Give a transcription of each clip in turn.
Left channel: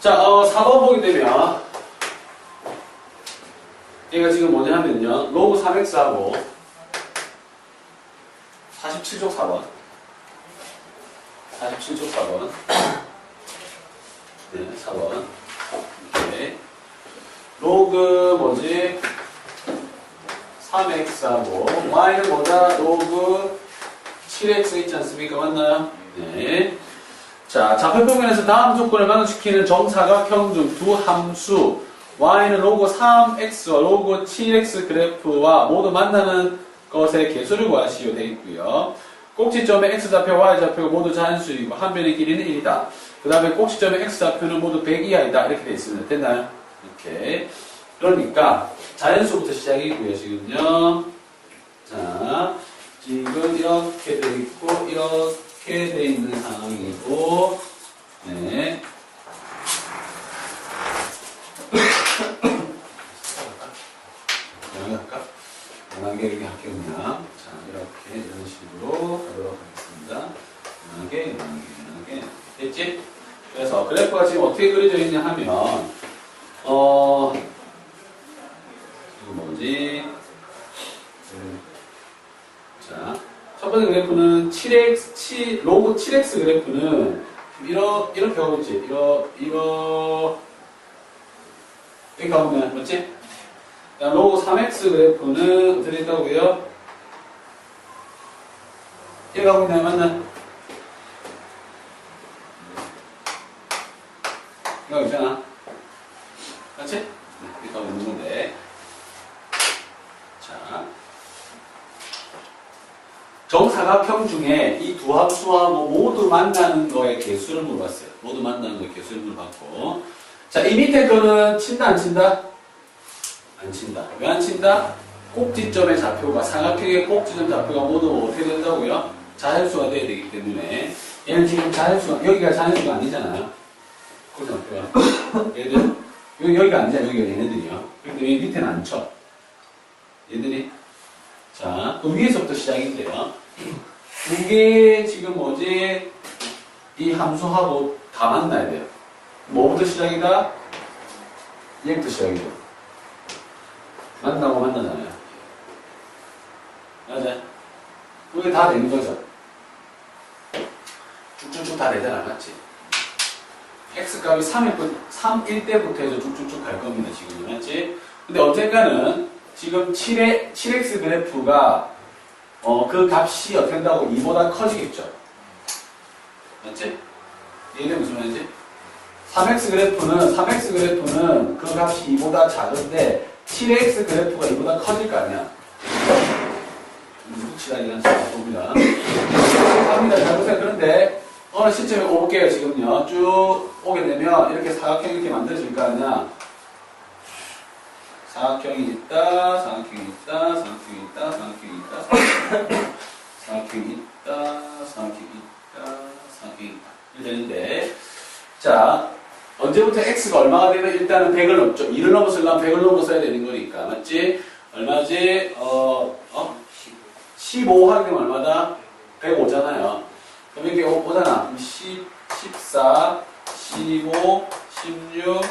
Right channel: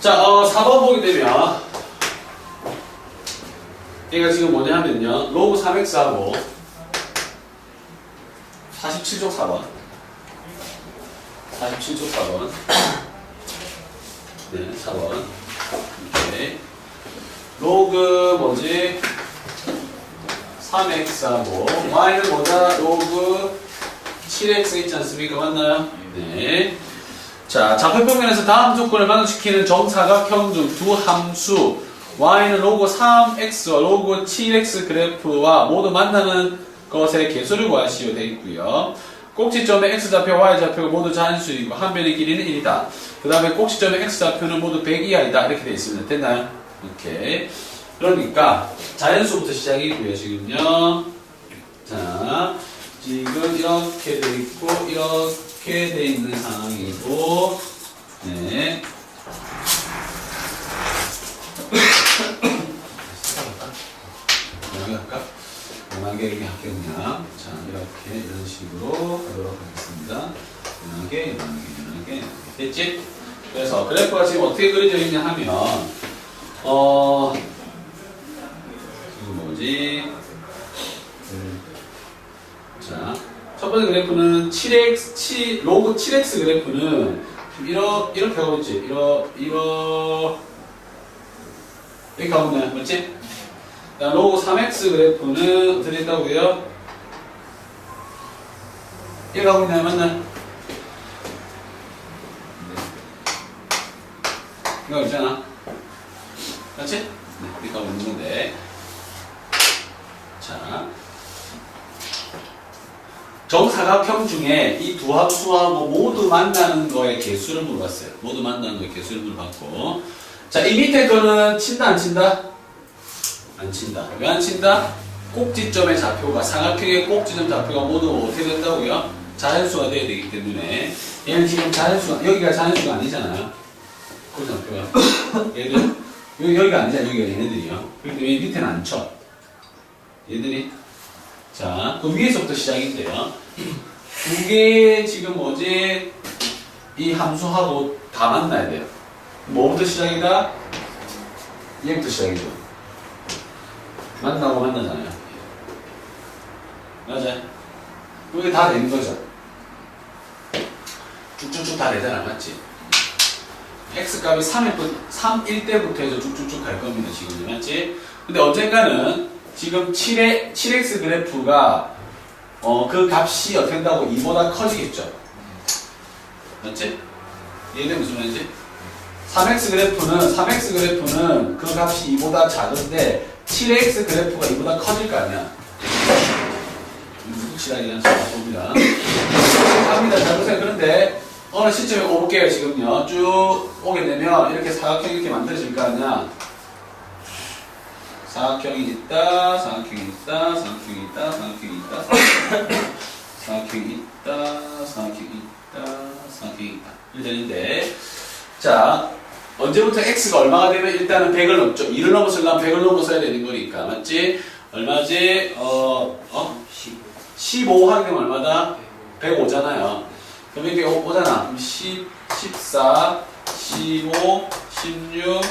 자, 어, 4번 보게 되면 얘가 지금 뭐냐 하면요. 로그 3x하고 47쪽 4번 47쪽 4번 네, 4번 오케이. 로그 뭐지? 3x하고 y는 뭐다? 로그 7x 있지 않습니까? 맞나요? 네. 자, 좌표평면에서 다음 조건을 만족시키는 정사각형 중 두 함수 y는 로그 3x와 로그 7x 그래프와 모두 만나는 것의 개수를 구하시오 되어 있고요. 꼭지점의 x좌표, y좌표가 모두 자연수이고 한 변의 길이는 1이다. 그 다음에 꼭지점의 x좌표는 모두 100 이하이다. 이렇게 되어 있습니다. 됐나요? 이렇게. 그러니까 자연수부터 시작이고요. 지금요. 자, 지금 이렇게 돼 있고 이렇게 돼 있는 상황이고 네. 연하게 이렇게 그냥 자 이렇게 이런 식으로 가도록 하겠습니다 연하게 연하게 연하게 됐지? 그래서 그래프가 지금 어떻게 그려져 있냐 하면 어 지금 뭐지? 음, 자, 첫 번째 그래프는 7x, 7, 로그 7x 그래프는 이러, 이렇게 가고 있지. 이러, 이러, 이렇게 가고 있네. 맞지? 로그 3x 그래프는 어떻게 됐다고요? 이렇게 가고 있나요? 맞나? 이거 있잖아. 맞지? 네, 이렇게 가고 있는 건데. 자. 정사각형 중에 이 두 함수하고 모두 만나는 거의 개수를 물어봤어요. 모두 만나는 거의 개수를 물어봤고. 자, 이 밑에 거는 친다, 안 친다? 안 친다. 왜 안 친다? 꼭지점의 좌표가, 사각형의 꼭지점 좌표가 모두 어떻게 된다고요? 자연수가 돼야 되기 때문에. 얘는 지금 자연수가, 여기가 자연수가 아니잖아요. 꼭지점표가. 얘들, 여기, 여기가 아니잖아, 여기가 얘네들이요. 그렇기 때문에 밑에는 안 쳐. 얘들이. 자, 그 위에서부터 시작인데요. 두 개 지금 뭐지? 이 함수하고 다 만나야 돼요. 뭐부터 시작이다? 얘부터 시작이죠. 만나고 만나잖아요. 맞아. 이게 다 되는 거죠. 쭉쭉쭉 다 되잖아, 맞지? x 값이 3일, 3일 때부터 해서 쭉쭉쭉 갈 겁니다, 지금. 맞지? 근데 언젠가는 지금 7의, 7x 그래프가 어, 그 값이 어떻게 된다고 2보다 커지겠죠. 맞지? 이해돼 무슨 말인지? 3x 그래프는 3x 그래프는 그 값이 2보다 작은데 7x 그래프가 2보다 커질 거 아니야. 묵치라기란 봅니다. 합니다. 자, 보세요. 그런데 어느 시점에 올게요. 지금요. 쭉 오게 되면 이렇게 사각형 이렇게 만들어질 거 아니야. 사각형이 있다, 사각형이 있다, 사각형이 있다, 사각형이 있다, 사각형이 있다, 사각형이 있다, 사각형이 있다. 되는데, 자, 언제부터 x가 얼마가 되면 일단은 100을 넘죠. 2를 넘어서려면 100을 넘어서야 되는 거니까. 맞지? 얼마지? 어, 어? 15 하게 되면 얼마다? 105잖아요. 그럼 이렇게 오- 오잖아. 그럼 10, 14, 15, 16,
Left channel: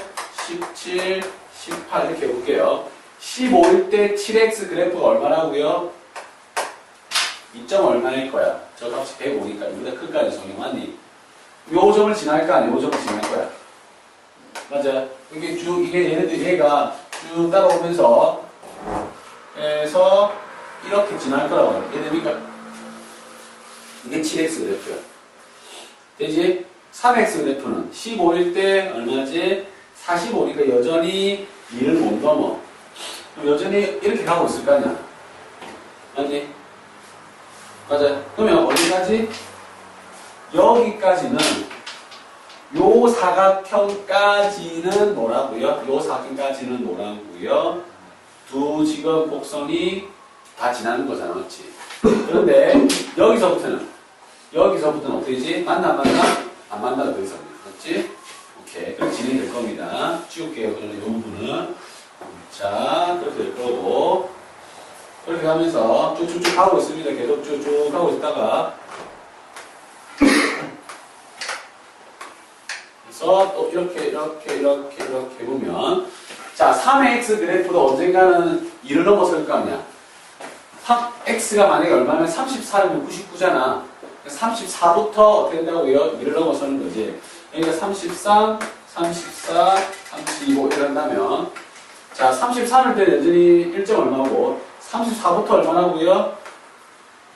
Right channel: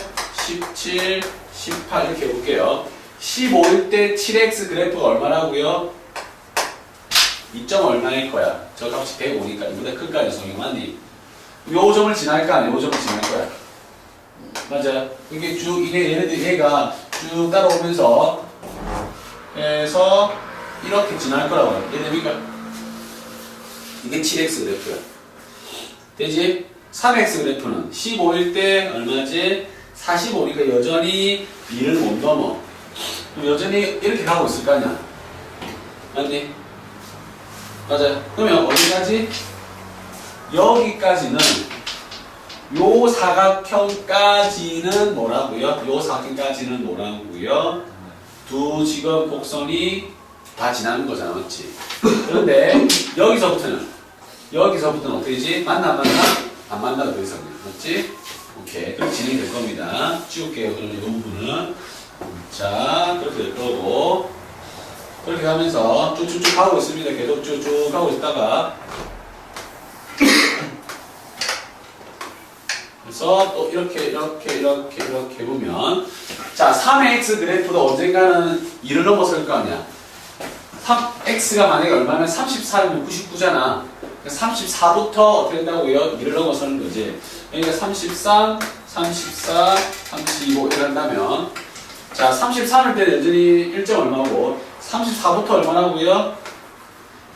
17, 18 이렇게 해볼게요. 15일 때 7x 그래프가 얼마라고요? 2점 얼마일 거야? 저 값이 105니까 이보다 큰거 아니야, 성형 맞니? 요 점을 지날 거 아니야? 요 점을 지날 거야. 맞아. 이게 쭉, 이게 얘네들, 얘가 쭉 따라오면서, 해서, 이렇게 지날 거라고 해. 얘네 그러니까, 이게 7x 그래프야. 되지? 3x 그래프는 15일 때 얼마지? 45니까 여전히 2를 못 넘어. 그럼 여전히 이렇게 가고 있을 거 아니야? 맞니? 맞아요. 그러면 어디까지? 여기까지는 요 사각형까지는 뭐라고요? 요 사각형까지는 뭐라고요? 두 지금 곡선이 다 지나는 거잖아, 맞지? 그런데 여기서부터는 여기서부터는 어떻게 되지? 만나 안 만나? 안더 이상 맞지? 오케이. 그렇게 진행이 될 겁니다. 찍을게요. 그러면 이 부분은. 자, 그렇게 될 거고. 그렇게 가면서 쭉쭉쭉 가고 있습니다. 계속 쭉쭉 가고 있다가. 그래서 또 이렇게 이렇게 이렇게 이렇게 보면 자 3x 그래프도 언젠가는 2를 넘어설 거 아니야 3, x가 만약에 얼마면 34면 99잖아 34부터 어떻게 된다고요? 2를 넘어서는 거지 그러니까 33, 34, 35 이런다면 자 33일 때 여전히 1점 얼마고 34부터 얼마나고요?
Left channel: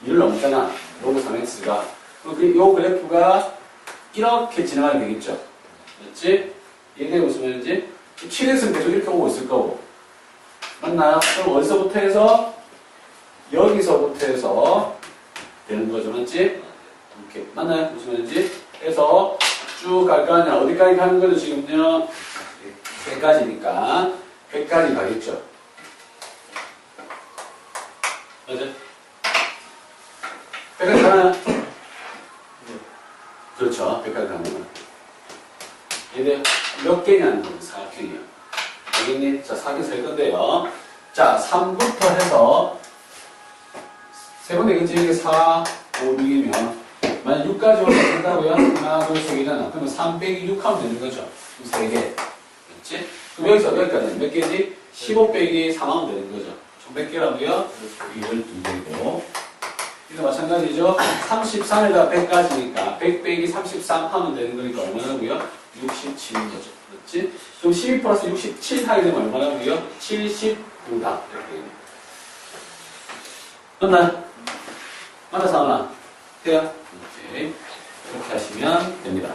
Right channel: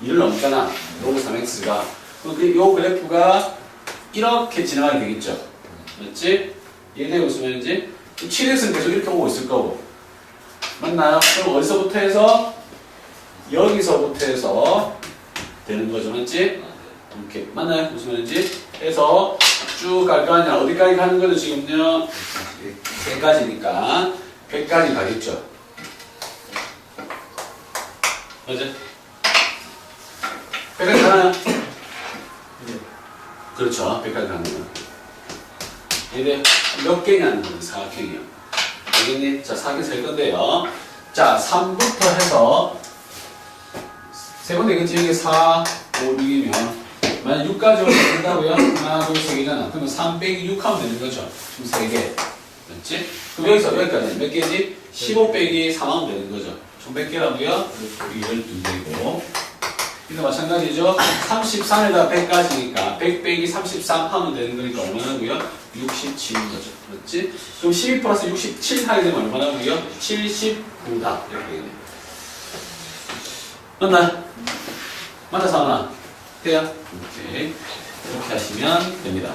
2를 넘잖아 로그 3x가 그럼 그, 요 그래프가 이렇게 지나가게 되겠죠 맞지? 이해되고 있으면 이제 7x는 계속 이렇게 오고 있을 거고 맞나요? 그럼 어디서부터 해서 여기서부터 해서 되는 거죠 맞지? 이렇게 맞나요? 무슨 말인지? 해서 쭉 갈 거 아니야. 어디까지 가는 거죠 지금요? 100까지니까. 100까지 가겠죠. 맞아? 100까지 가나요? 그렇죠. 100까지 가는 거 이게 몇 개냐는 거죠 사각형이요. 알겠니? 자 사각형 셀 건데요. 자 3부터 해서 세번 되겠지? 이게 4, 5, 6이면 만약 6까지 올라간다고요? 하나, 둘, 세 개잖아 그러면 3 빼기 6 하면 되는 거죠 그럼 3개 맞지? 그럼 여기서 여기까지 몇 개지? 15 빼기 3 하면 되는 거죠 총몇 개라고요? 12개고 이거 마찬가지죠 33에다 100까지니까 100 빼기 33 하면 되는 거니까 얼마나고요? 67인 거죠 맞지? 그럼 12 플러스 67 하게 되면 얼마나고요? 79다 이렇게 맞나요? 맞나 사나? 오케이. 이렇게 하시면 됩니다.